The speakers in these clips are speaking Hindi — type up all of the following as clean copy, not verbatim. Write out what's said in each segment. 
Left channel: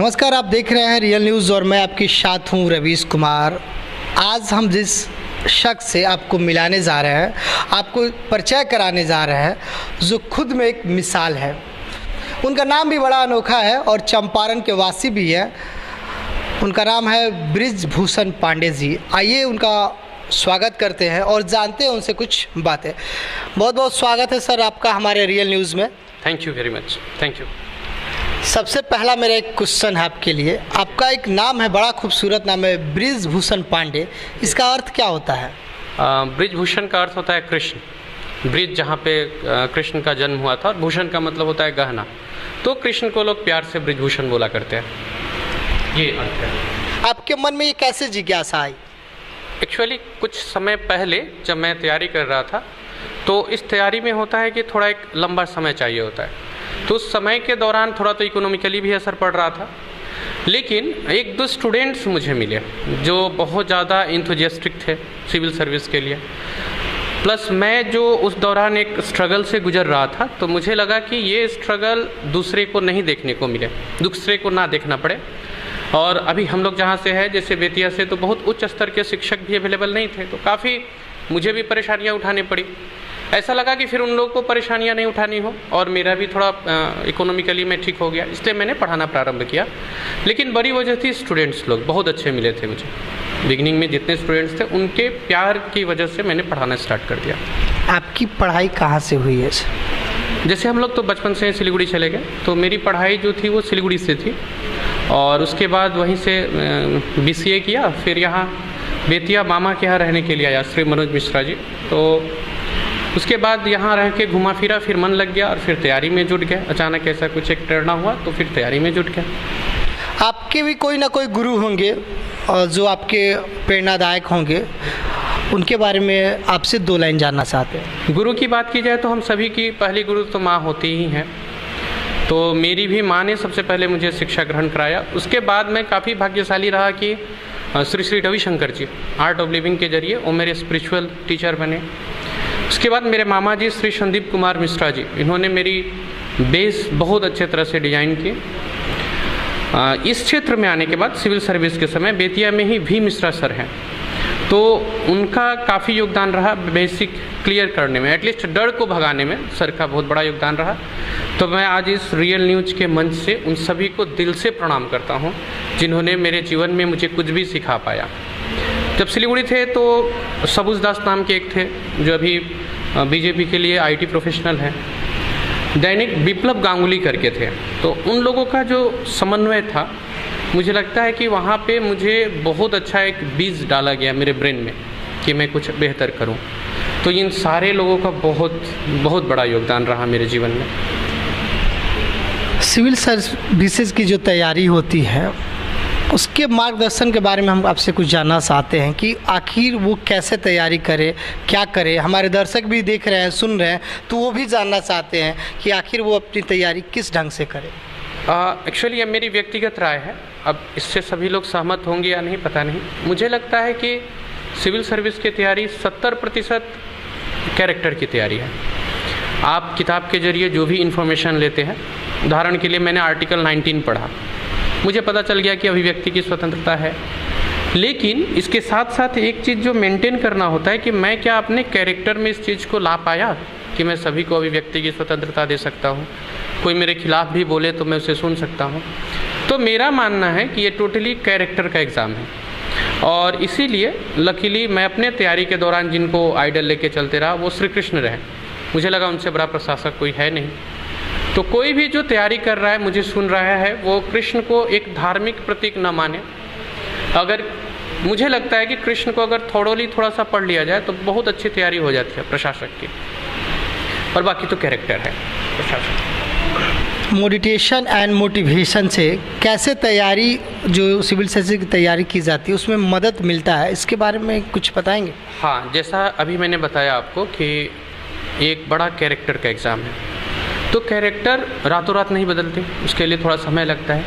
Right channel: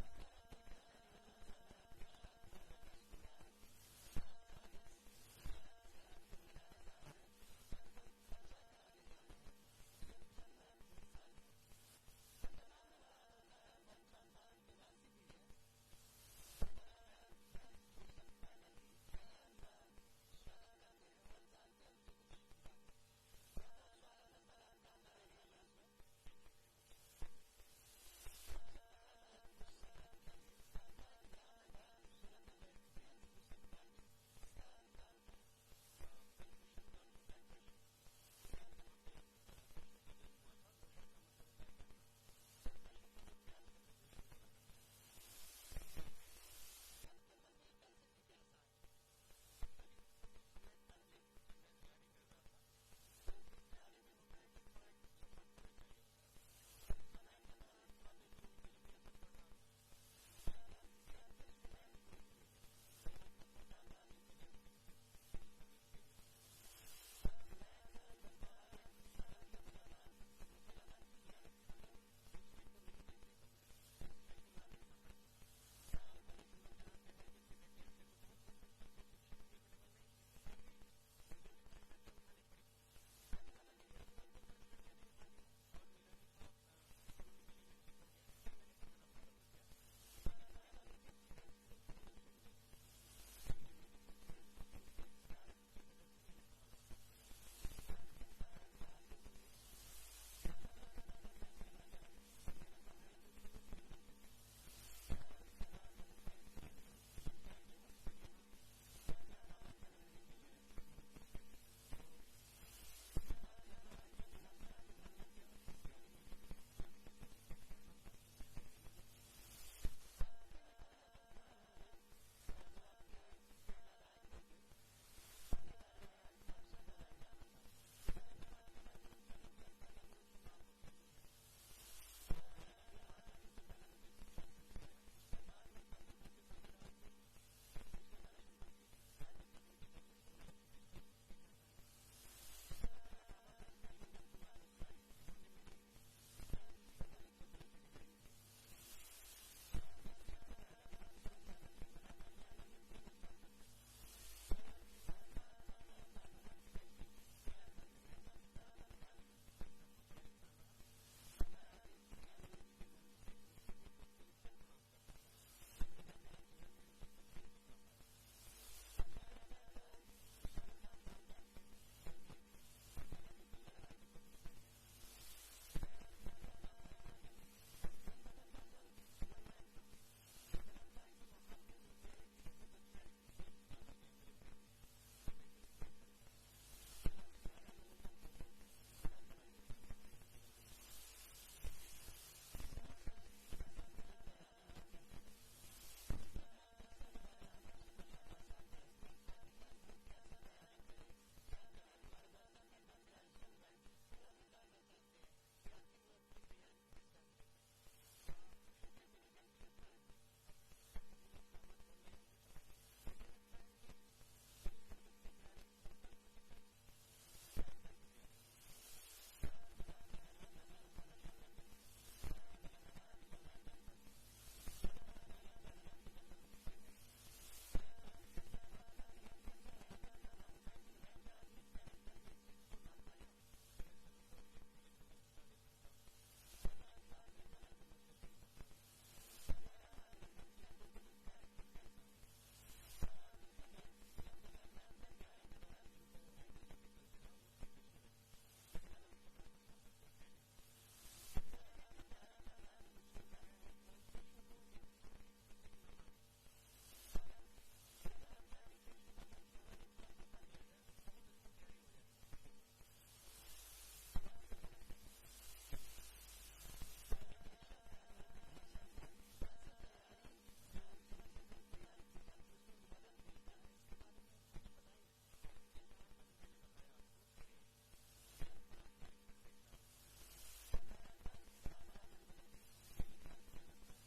नमस्कार, आप देख रहे हैं रियल न्यूज़ और मैं आपके साथ हूं रवीश कुमार। आज हम जिस शख्स से आपको मिलाने जा रहे हैं, आपको परिचय कराने जा रहे हैं, जो खुद में एक मिसाल है। उनका नाम भी बड़ा अनोखा है और चंपारण के वासी भी है। उनका नाम है बृजभूषण पांडे जी। आइए उनका स्वागत करते हैं और जानते हैं उनसे कुछ बातें। बहुत बहुत स्वागत है सर आपका हमारे रियल न्यूज़ में। Thank you very much. Thank you. सबसे पहला मेरा एक क्वेश्चन है आपके लिए। आपका एक नाम है, बड़ा खूबसूरत नाम है, बृजभूषण पांडे। इसका अर्थ क्या होता है? बृजभूषण का अर्थ होता है कृष्ण। ब्रिज जहाँ पे कृष्ण का जन्म हुआ था, और भूषण का मतलब होता है गहना, तो कृष्ण को लोग प्यार से बृजभूषण बोला करते हैं। ये अर्थ है। आपके मन में ये कैसे जिज्ञासा आई? एक्चुअली कुछ समय पहले जब मैं तैयारी कर रहा था, तो इस तैयारी में होता है कि थोड़ा एक लंबा समय चाहिए होता है। तो उस समय के दौरान थोड़ा तो इकोनॉमिकली भी असर पड़ रहा था, लेकिन एक दो स्टूडेंट्स मुझे मिले जो बहुत ज़्यादा इंथुजियास्टिक थे सिविल सर्विस के लिए। प्लस मैं जो उस दौरान एक स्ट्रगल से गुजर रहा था, तो मुझे लगा कि ये स्ट्रगल दूसरे को नहीं देखने को मिले, दूसरे को ना देखना पड़े। और अभी हम लोग जहाँ से है, जैसे बेतिया से, तो बहुत उच्च स्तर के शिक्षक भी अवेलेबल नहीं थे, तो काफ़ी मुझे भी परेशानियाँ उठानी पड़ी। ऐसा लगा कि फिर उन लोगों को परेशानियां नहीं उठानी हो और मेरा भी थोड़ा इकोनॉमिकली मैं ठीक हो गया, इसलिए मैंने पढ़ाना प्रारंभ किया। लेकिन बड़ी वजह थी स्टूडेंट्स लोग बहुत अच्छे मिले थे मुझे। बिगिनिंग में जितने स्टूडेंट्स थे, उनके प्यार की वजह से मैंने पढ़ाना स्टार्ट कर दिया। आपकी पढ़ाई कहाँ से हुई है? जैसे हम लोग तो बचपन से सिलीगुड़ी चले गए, तो मेरी पढ़ाई जो थी वो सिलीगुड़ी से थी, और उसके बाद वहीं से BCA किया। फिर यहाँ बेतिया मामा के यहाँ रहने के लिए आया, श्री मनोज मिश्रा जी। तो उसके बाद यहाँ रह के घुमा फिरा, फिर मन लग गया और फिर तैयारी में जुट गया। अचानक ऐसा कुछ एक प्रेरणा हुआ, तो फिर तैयारी में जुट गया। आपके भी कोई ना कोई गुरु होंगे जो आपके प्रेरणादायक होंगे, उनके बारे में आपसे 2 लाइन जानना चाहते हैं। गुरु की बात की जाए तो हम सभी की पहली गुरु तो माँ होती ही हैं। तो मेरी भी माँ ने सबसे पहले मुझे शिक्षा ग्रहण कराया। उसके बाद मैं काफ़ी भाग्यशाली रहा कि श्री श्री रविशंकर जी आर्ट ऑफ लिविंग के जरिए वो मेरे स्पिरिचुअल टीचर बने। उसके बाद मेरे मामा जी श्री संदीप कुमार मिश्रा जी, इन्होंने मेरी बेस बहुत अच्छे तरह से डिजाइन की। इस क्षेत्र में आने के बाद सिविल सर्विस के समय बेतिया में ही भी मिश्रा सर हैं, तो उनका काफ़ी योगदान रहा बेसिक क्लियर करने में, एटलीस्ट डर को भगाने में सर का बहुत बड़ा योगदान रहा। तो मैं आज इस रियल न्यूज़ के मंच से उन सभी को दिल से प्रणाम करता हूँ जिन्होंने मेरे जीवन में मुझे कुछ भी सिखा पाया। जब सिलीगुड़ी थे तो सबुज दास नाम के एक थे जो अभी BJP के लिए IT प्रोफेशनल हैं। दैनिक विप्लव गांगुली करके थे। तो उन लोगों का जो समन्वय था, मुझे लगता है कि वहाँ पे मुझे बहुत अच्छा एक बीज डाला गया मेरे ब्रेन में कि मैं कुछ बेहतर करूँ। तो इन सारे लोगों का बहुत बहुत बड़ा योगदान रहा मेरे जीवन में। सिविल सर्विसेज की जो तैयारी होती है, उसके मार्गदर्शन के बारे में हम आपसे कुछ जानना चाहते हैं कि आखिर वो कैसे तैयारी करे, क्या करे। हमारे दर्शक भी देख रहे हैं, सुन रहे हैं, तो वो भी जानना चाहते हैं कि आखिर वो अपनी तैयारी किस ढंग से करे। एक्चुअली ये मेरी व्यक्तिगत राय है, अब इससे सभी लोग सहमत होंगे या नहीं पता नहीं। मुझे लगता है कि सिविल सर्विस की तैयारी 70% कैरेक्टर की तैयारी है। आप किताब के जरिए जो भी इन्फॉर्मेशन लेते हैं, उदाहरण के लिए मैंने आर्टिकल 19 पढ़ा, मुझे पता चल गया कि अभिव्यक्ति की स्वतंत्रता है, लेकिन इसके साथ साथ एक चीज़ जो मेंटेन करना होता है कि मैं क्या अपने कैरेक्टर में इस चीज़ को ला पाया कि मैं सभी को अभिव्यक्ति की स्वतंत्रता दे सकता हूँ। कोई मेरे खिलाफ भी बोले तो मैं उसे सुन सकता हूँ। तो मेरा मानना है कि ये टोटली कैरेक्टर का एग्ज़ाम है, और इसीलिए लकीली मैं अपने तैयारी के दौरान जिनको आइडल लेके चलते रहा वो श्री कृष्ण रहे। मुझे लगा उनसे बड़ा प्रशासक कोई है नहीं। तो कोई भी जो तैयारी कर रहा है, मुझे सुन रहा है, वो कृष्ण को एक धार्मिक प्रतीक न माने। अगर मुझे लगता है कि कृष्ण को अगर थोड़ा सा पढ़ लिया जाए तो बहुत अच्छी तैयारी हो जाती है प्रशासक की, और बाकी तो कैरेक्टर है प्रशासक। मेडिटेशन एंड मोटिवेशन से कैसे तैयारी, जो सिविल सर्विस की तैयारी की जाती है, उसमें मदद मिलता है, इसके बारे में कुछ बताएंगे? हाँ, जैसा अभी मैंने बताया आपको कि एक बड़ा कैरेक्टर का एग्ज़ाम है, तो कैरेक्टर रातों रात नहीं बदलते, उसके लिए थोड़ा समय लगता है,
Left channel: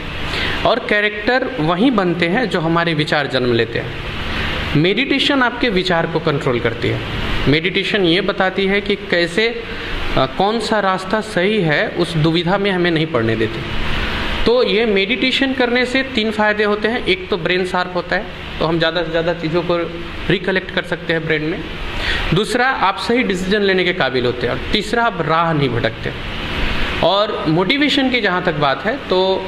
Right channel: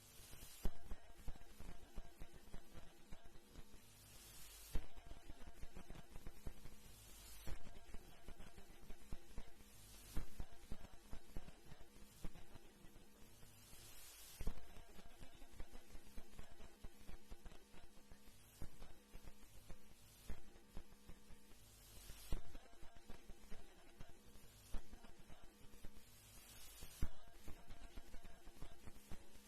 और कैरेक्टर वहीं बनते हैं जो हमारे विचार जन्म लेते हैं। मेडिटेशन आपके विचार को कंट्रोल करती है। मेडिटेशन ये बताती है कि कैसे कौन सा रास्ता सही है, उस दुविधा में हमें नहीं पड़ने देती। तो ये मेडिटेशन करने से 3 फ़ायदे होते हैं। एक तो ब्रेन शार्प होता है, तो हम ज़्यादा से ज़्यादा चीज़ों को रिकलेक्ट कर सकते हैं ब्रेन में। दूसरा, आप सही डिसीजन लेने के काबिल होते हैं। और तीसरा, आप राह नहीं भटकते। और मोटिवेशन की जहाँ तक बात है, तो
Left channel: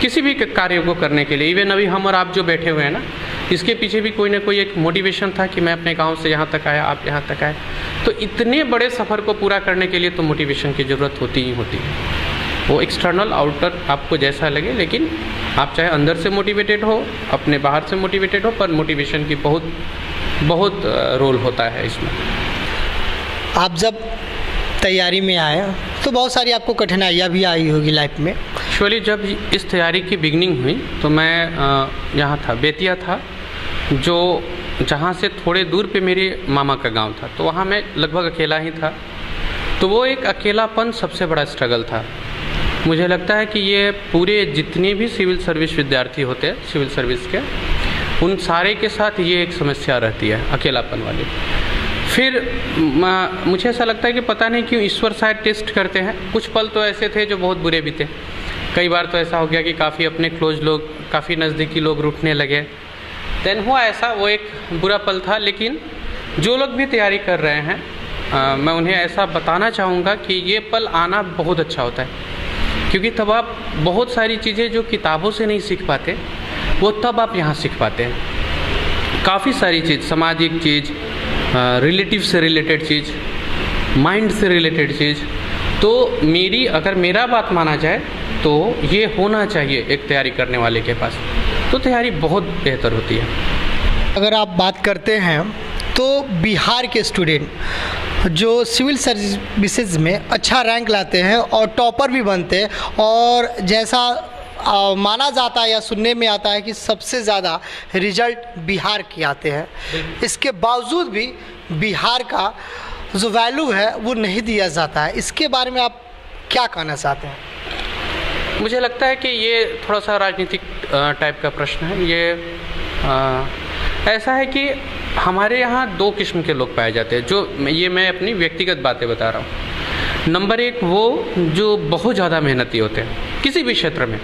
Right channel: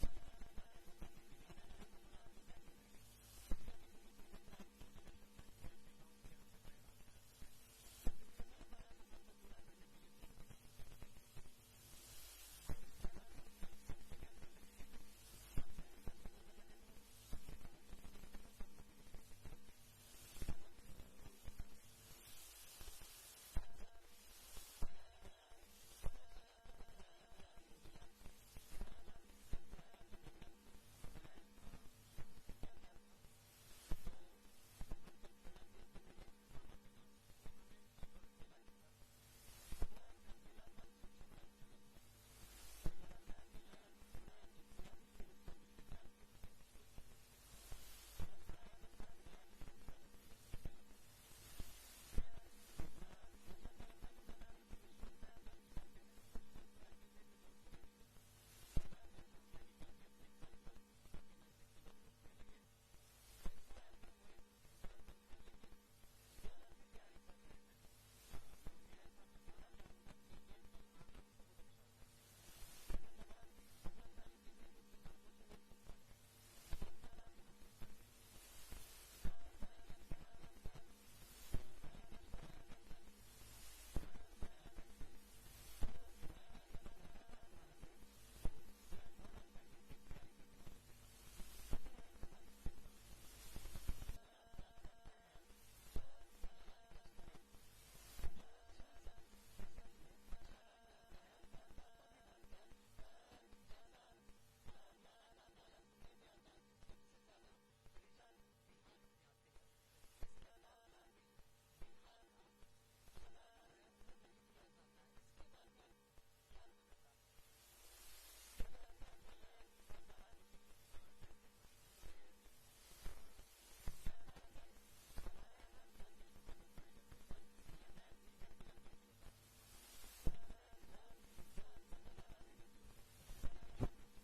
किसी भी कार्य को करने के लिए, इवन अभी हम और आप जो बैठे हुए हैं ना, इसके पीछे भी कोई ना कोई एक मोटिवेशन था कि मैं अपने गांव से यहाँ तक आया, आप यहाँ तक आए। तो इतने बड़े सफ़र को पूरा करने के लिए तो मोटिवेशन की ज़रूरत होती ही होती है। वो एक्सटर्नल आउटर आपको जैसा लगे, लेकिन आप चाहे अंदर से मोटिवेटेड हो, अपने बाहर से मोटिवेटेड हो, पर मोटिवेशन की बहुत रोल होता है इसमें। आप जब तैयारी में आए तो बहुत सारी आपको कठिनाइयाँ भी आई होगी लाइफ में। एक्चुअली जब इस तैयारी की बिगनिंग हुई तो मैं यहाँ था, बेतिया था, जो जहाँ से थोड़े दूर पे मेरे मामा का गांव था। तो वहाँ मैं लगभग अकेला ही था। तो वो एक अकेलापन सबसे बड़ा स्ट्रगल था। मुझे लगता है कि ये पूरे जितने भी सिविल सर्विस विद्यार्थी होते हैं सिविल सर्विस के, उन सारे के साथ ये एक समस्या रहती है, अकेलापन वाली। फिर मुझे ऐसा लगता है कि पता नहीं क्यों ईश्वर शायद टेस्ट करते हैं। कुछ पल तो ऐसे थे जो बहुत बुरे भी थे। कई बार तो ऐसा हो गया कि काफ़ी अपने क्लोज लोग, काफ़ी नज़दीकी लोग रूठने लगे। देन हुआ ऐसा, वो एक बुरा पल था। लेकिन जो लोग भी तैयारी कर रहे हैं, मैं उन्हें ऐसा बताना चाहूँगा कि ये पल आना बहुत अच्छा होता है, क्योंकि तब आप बहुत सारी चीज़ें जो किताबों से नहीं सीख पाते, वो तब आप यहाँ सीख पाते हैं। काफ़ी सारी चीज़, सामाजिक चीज़, रिलेटिव से रिलेटेड चीज़, माइंड से रिलेटेड चीज़। तो अगर मेरा बात माना जाए तो ये होना चाहिए एक तैयारी करने वाले के पास, तो तैयारी बहुत बेहतर होती है। अगर आप बात करते हैं तो बिहार के स्टूडेंट जो सिविल सर्विसेज में अच्छा रैंक लाते हैं और टॉपर भी बनते हैं, और जैसा माना जाता है या सुनने में आता है कि सबसे ज़्यादा रिजल्ट बिहार के आते हैं, इसके बावजूद भी बिहार का जो वैल्यू है वो नहीं दिया जाता है। इसके बारे में आप क्या कहना चाहते हैं? मुझे लगता है कि ये थोड़ा सा राजनीतिक टाइप का प्रश्न है। ये ऐसा है कि हमारे यहाँ 2 किस्म के लोग पाए जाते हैं, जो मैं अपनी व्यक्तिगत बातें बता रहा हूँ। नंबर 1 वो जो बहुत ज़्यादा मेहनती होते हैं किसी भी क्षेत्र में।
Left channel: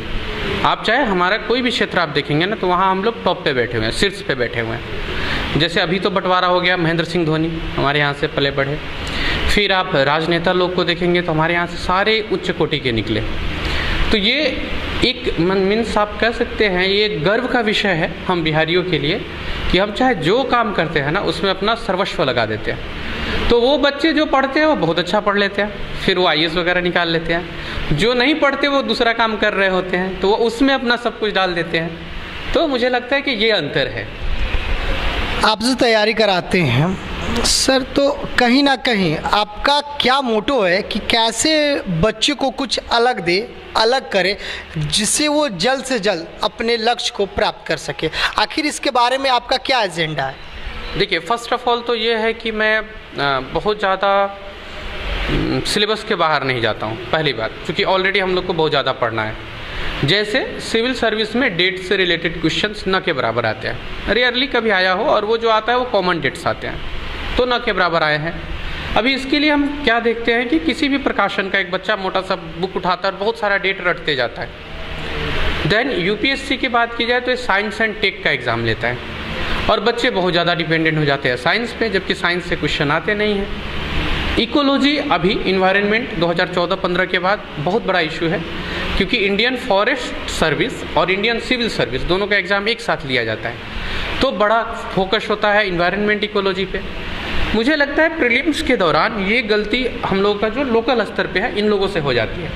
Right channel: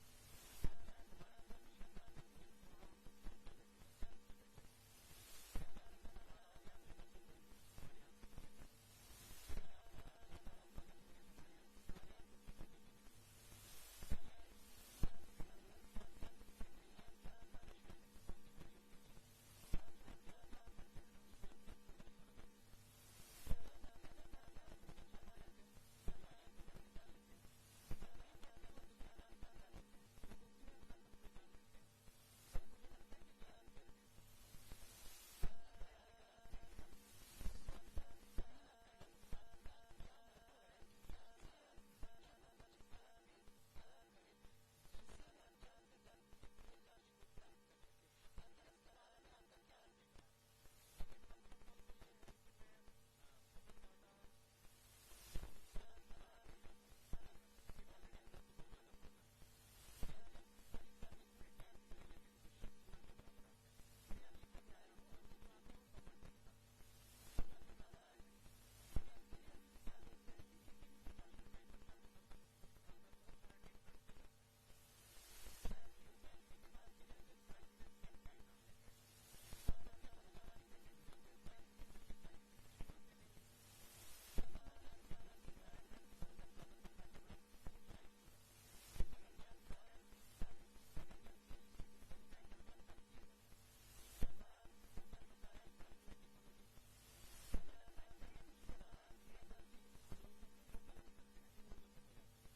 आप चाहे हमारा कोई भी क्षेत्र आप देखेंगे ना, तो वहाँ हम लोग टॉप पे बैठे हुए हैं, शीर्ष पे बैठे हुए हैं। जैसे अभी तो बंटवारा हो गया, महेंद्र सिंह धोनी हमारे यहाँ से पले बढ़े। फिर आप राजनेता लोग को देखेंगे तो हमारे यहाँ से सारे उच्च कोटि के निकले। तो ये एक मीन्स आप कह सकते हैं ये गर्व का विषय है हम बिहारियों के लिए, कि हम चाहे जो काम करते हैं ना उसमें अपना सर्वस्व लगा देते हैं। तो वो बच्चे जो पढ़ते हैं वो बहुत अच्छा पढ़ लेते हैं, फिर वो IAS वगैरह निकाल लेते हैं। जो नहीं पढ़ते वो दूसरा काम कर रहे होते हैं, तो वो उसमें अपना सब कुछ डाल देते हैं। तो मुझे लगता है कि ये अंतर है। आप जो तैयारी कराते हैं सर, तो कहीं ना कहीं आपका क्या मोटो है कि कैसे बच्चे को कुछ अलग दे, अलग करे, जिससे वो जल्द से जल्द अपने लक्ष्य को प्राप्त कर सके? आखिर इसके बारे में आपका क्या एजेंडा है? देखिए, फर्स्ट ऑफ ऑल तो ये है कि मैं बहुत ज़्यादा सिलेबस के बाहर नहीं जाता हूँ, पहली बात, क्योंकि ऑलरेडी हम लोग को बहुत ज़्यादा पढ़ना है। जैसे सिविल सर्विस में डेट से रिलेटेड क्वेश्चंस न के बराबर आते हैं, रेयरली कभी आया हो, और वो जो आता है वो कॉमन डेट्स आते हैं, तो न के बराबर आए हैं। अभी इसके लिए हम क्या देखते हैं कि किसी भी प्रकाशन का एक बच्चा मोटा सा बुक उठाता है और बहुत सारा डेट रटते जाता है। देन यूपीएससी की बात की जाए तो साइंस एंड टेक का एग्ज़ाम लेता है, और बच्चे बहुत ज़्यादा डिपेंडेंट हो जाते हैं साइंस पे, जबकि साइंस से क्वेश्चन आते नहीं हैं। इकोलॉजी अभी इन्वायरमेंट 2014-15 के बाद बहुत बड़ा इशू है, क्योंकि इंडियन फॉरेस्ट सर्विस और इंडियन सिविल सर्विस दोनों का एग्ज़ाम एक साथ लिया जाता है, तो बड़ा फोकस होता है इन्वायरमेंट इकोलॉजी पे। मुझे लगता है प्रीलिम्स के दौरान ये गलती हम लोगों का जो लोकल स्तर पे है इन लोगों से हो जाती है,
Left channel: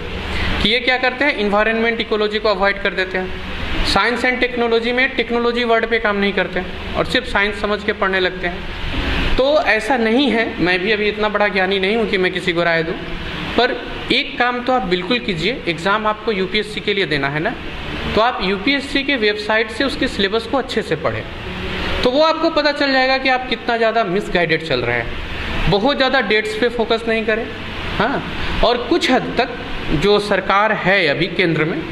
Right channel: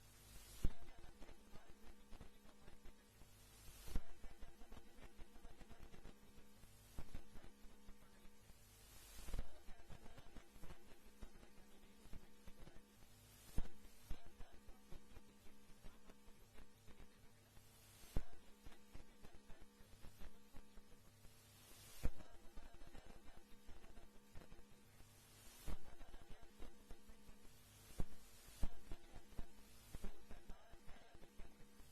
कि ये क्या करते हैं, इन्वायरमेंट इकोलॉजी को अवॉइड कर देते हैं। साइंस एंड टेक्नोलॉजी में टेक्नोलॉजी वर्ड पे काम नहीं करते हैं और सिर्फ साइंस समझ के पढ़ने लगते हैं। तो ऐसा नहीं है, मैं भी अभी इतना बड़ा ज्ञानी नहीं हूँ कि मैं किसी को राय दूँ, पर एक काम तो आप बिल्कुल कीजिए, एग्ज़ाम आपको यूपीएससी के लिए देना है ना, तो आप यूपीएससी के वेबसाइट से उसके सिलेबस को अच्छे से पढ़ें, तो वो आपको पता चल जाएगा कि आप कितना ज़्यादा मिसगाइडेड चल रहे हैं। बहुत ज़्यादा डेट्स पे फोकस नहीं करें, हाँ, और कुछ हद तक जो सरकार है अभी केंद्र में,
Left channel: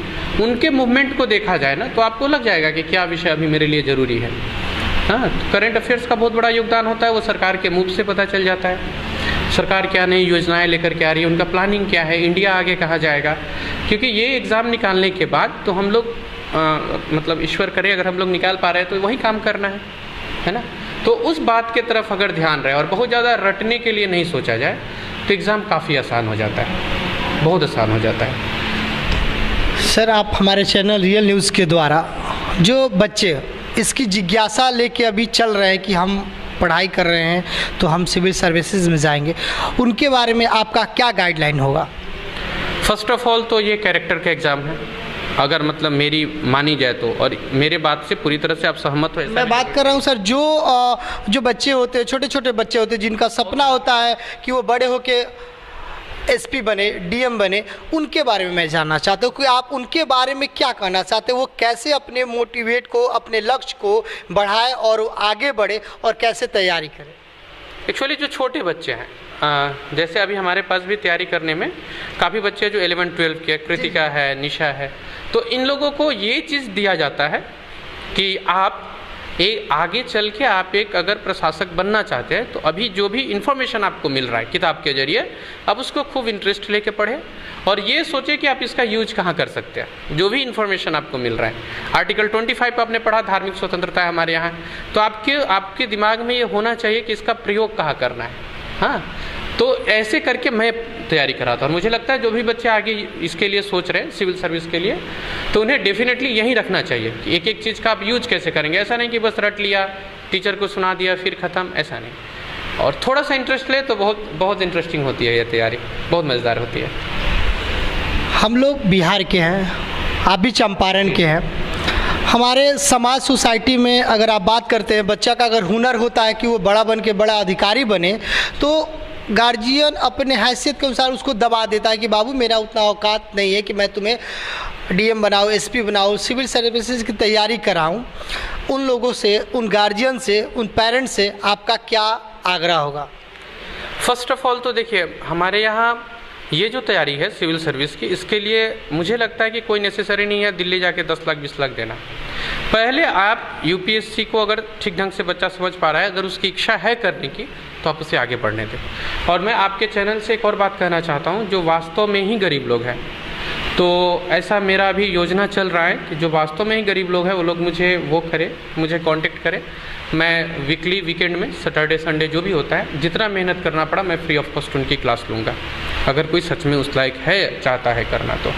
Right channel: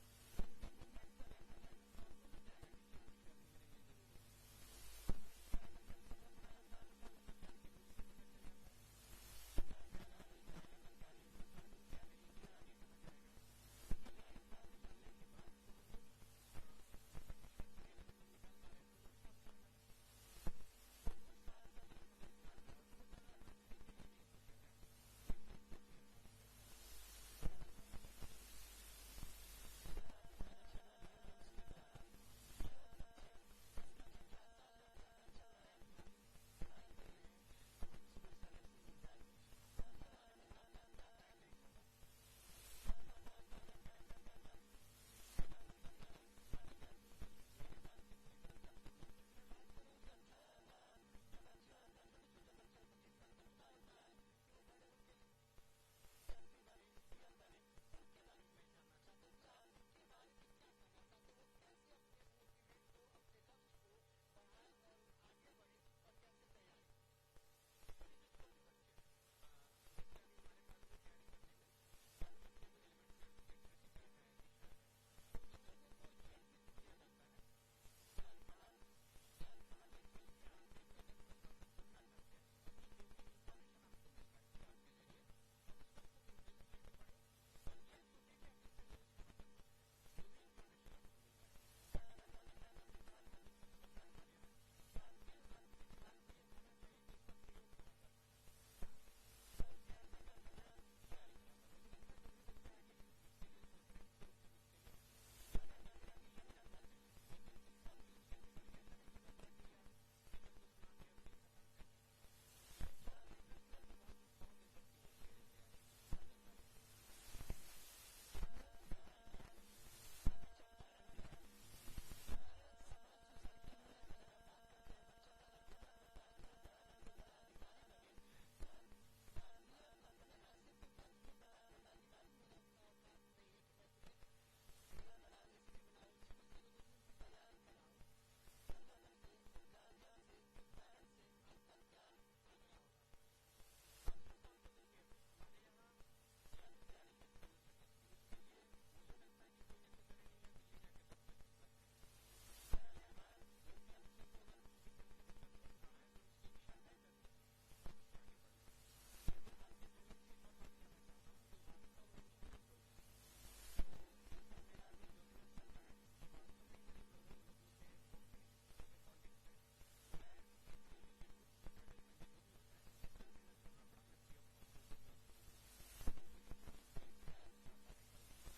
उनके मूवमेंट को देखा जाए ना, तो आपको लग जाएगा कि क्या विषय अभी मेरे लिए ज़रूरी है। हाँ, करंट अफेयर्स का बहुत बड़ा योगदान होता है, वो सरकार के मूव से पता चल जाता है। सरकार क्या नई योजनाएं लेकर के आ रही है, उनका प्लानिंग क्या है, इंडिया आगे कहाँ जाएगा, क्योंकि ये एग्ज़ाम निकालने के बाद तो हम लोग मतलब ईश्वर करे अगर हम लोग निकाल पा रहे हैं तो वही काम करना है ना। तो उस बात के तरफ अगर ध्यान रहे और बहुत ज़्यादा रटने के लिए नहीं सोचा जाए तो एग्ज़ाम काफ़ी आसान हो जाता है, बहुत आसान हो जाता है। सर, आप हमारे चैनल रियल न्यूज़ के द्वारा जो बच्चे इसकी जिज्ञासा लेके अभी चल रहे हैं कि हम पढ़ाई कर रहे हैं तो हम सिविल सर्विसेज में जाएंगे, उनके बारे में आपका क्या गाइडलाइन होगा? फर्स्ट ऑफ ऑल तो ये कैरेक्टर का एग्ज़ाम है, अगर मतलब मेरी मानी जाए तो, और मेरे बात से पूरी तरह से आप सहमत हो? मैं बात कर रहा हूँ सर, जो बच्चे होते हैं, छोटे छोटे बच्चे होते हैं जिनका सपना होता है कि वो बड़े होके एसपी बने, डीएम बने, उनके बारे में मैं जानना चाहता हूँ कि आप उनके बारे में क्या कहना चाहते हैं, वो कैसे अपने मोटिवेट को, अपने लक्ष्य को बढ़ाए और आगे बढ़े और कैसे तैयारी करें? एक्चुअली जो छोटे बच्चे हैं, जैसे अभी हमारे पास भी तैयारी करने में काफ़ी बच्चे जो 11-12 के, कृतिका है, निशा है, तो इन लोगों को ये चीज़ दिया जाता है कि आप आगे चल के आप एक अगर प्रशासक बनना चाहते हैं तो अभी जो भी इन्फॉर्मेशन आपको मिल रहा है किताब के जरिए, आप उसको खूब इंटरेस्ट लेके पढ़ें और ये सोचें कि आप इसका यूज कहाँ कर सकते हैं। जो भी इन्फॉर्मेशन आपको मिल रहा है, आर्टिकल 25 आपने पढ़ा, धार्मिक स्वतंत्रता है हमारे यहाँ, तो आपके दिमाग में ये होना चाहिए कि इसका प्रयोग कहाँ करना है। हाँ, तो ऐसे करके मैं तैयारी कराता हूँ और मुझे लगता है जो भी बच्चे आगे इसके लिए सोच रहे हैं सिविल सर्विस के लिए, तो उन्हें डेफिनेटली यही रखना चाहिए कि एक एक चीज़ का आप यूज कैसे करेंगे। ऐसा नहीं कि बस रट लिया, टीचर को सुना दिया फिर ख़त्म, ऐसा नहीं। और थोड़ा सा इंटरेस्ट ले तो बहुत बहुत इंटरेस्टिंग होती है ये तैयारी, बहुत मज़ेदार होती है। हम लोग बिहार के हैं, आप भी चंपारण के हैं। हमारे समाज सोसाइटी में अगर आप बात करते हैं, बच्चा का अगर हुनर होता है कि वो बड़ा बन के बड़ा अधिकारी बने, तो गार्जियन अपने हैसियत के अनुसार उसको दबा देता है कि बाबू मेरा उतना औकात नहीं है कि मैं तुम्हें डीएम बनाऊँ, एसपी बनाऊँ, सिविल सर्विसेज की तैयारी कराऊँ। उन लोगों से, उन गार्जियन से, उन पेरेंट्स से आपका क्या आग्रह होगा? फर्स्ट ऑफ ऑल तो देखिए, हमारे यहाँ ये जो तैयारी है सिविल सर्विस की, इसके लिए मुझे लगता है कि कोई नेसेसरी नहीं है दिल्ली जाके 10 लाख 20 लाख देना। पहले आप यूपीएससी को अगर ठीक ढंग से बच्चा समझ पा रहा है, अगर उसकी इच्छा है करने की, तो आप उसे आगे बढ़ने दें। और मैं आपके चैनल से एक और बात कहना चाहता हूँ, जो वास्तव में ही गरीब लोग हैं, तो ऐसा मेरा अभी योजना चल रहा है कि जो वास्तव में ही गरीब लोग हैं वो लोग मुझे कांटेक्ट करें। मैं वीकली, वीकेंड में, सैटरडे संडे जो भी होता है, जितना मेहनत करना पड़ा मैं फ्री ऑफ कॉस्ट उनकी क्लास लूँगा, अगर कोई सच में उस लायक है, चाहता है करना तो।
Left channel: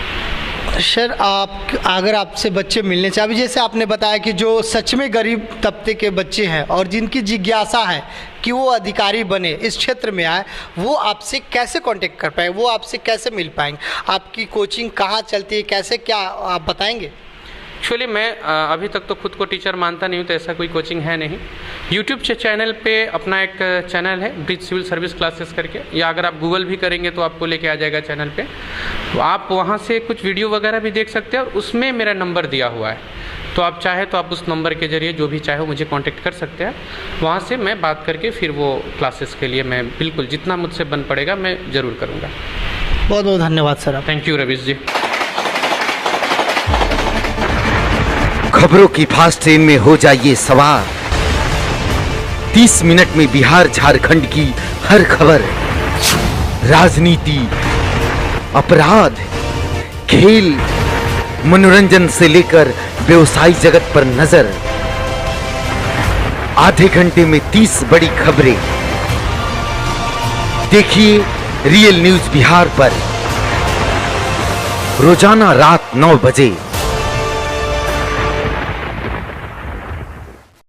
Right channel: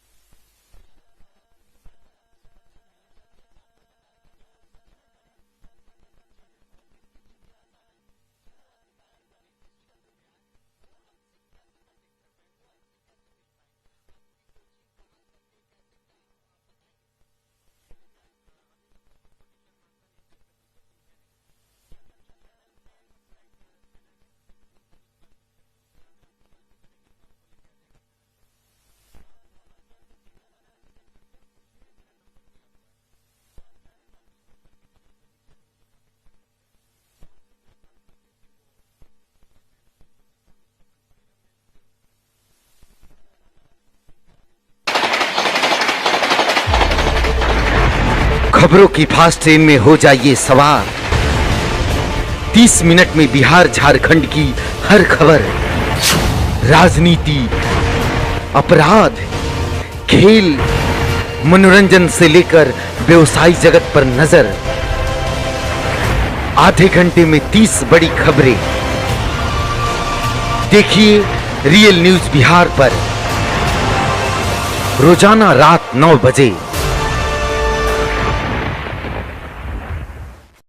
सर, अगर आपसे बच्चे मिलने चाहिए, अभी जैसे आपने बताया कि जो सच में गरीब तबके के बच्चे हैं और जिनकी जिज्ञासा है कि वो अधिकारी बने, इस क्षेत्र में आए, वो आपसे कैसे कांटेक्ट कर पाएंगे, वो आपसे कैसे मिल पाएंगे? आपकी कोचिंग कहाँ चलती है, कैसे, क्या आप बताएंगे? एक्चुअली मैं अभी तक तो खुद को टीचर मानता नहीं हूँ, तो ऐसा कोई कोचिंग है नहीं। यूट्यूब चैनल पे अपना एक चैनल है, ब्रिज सिविल सर्विस क्लासेस करके, या अगर आप गूगल भी करेंगे तो आपको लेके आ जाएगा चैनल पे, तो आप वहाँ से कुछ वीडियो वगैरह भी देख सकते हैं और उसमें मेरा नंबर दिया हुआ है, तो आप चाहे तो आप उस नंबर के जरिए जो भी चाहे मुझे कांटेक्ट कर सकते हैं। वहाँ से मैं बात करके फिर वो क्लासेस के लिए मैं बिल्कुल जितना मुझसे बन पड़ेगा मैं ज़रूर करूँगा। बहुत बहुत धन्यवाद सर। थैंक यू रवीश जी। खबरों की फास्ट ट्रेन में हो जाइए सवार। 30 मिनट में बिहार झारखंड की हर खबर, राजनीति, अपराध, खेल, मनोरंजन से लेकर व्यवसायी जगत पर नजर। आधे घंटे में 30 बड़ी खबरें। देखिए रियल न्यूज बिहार पर रोजाना रात 9 बजे।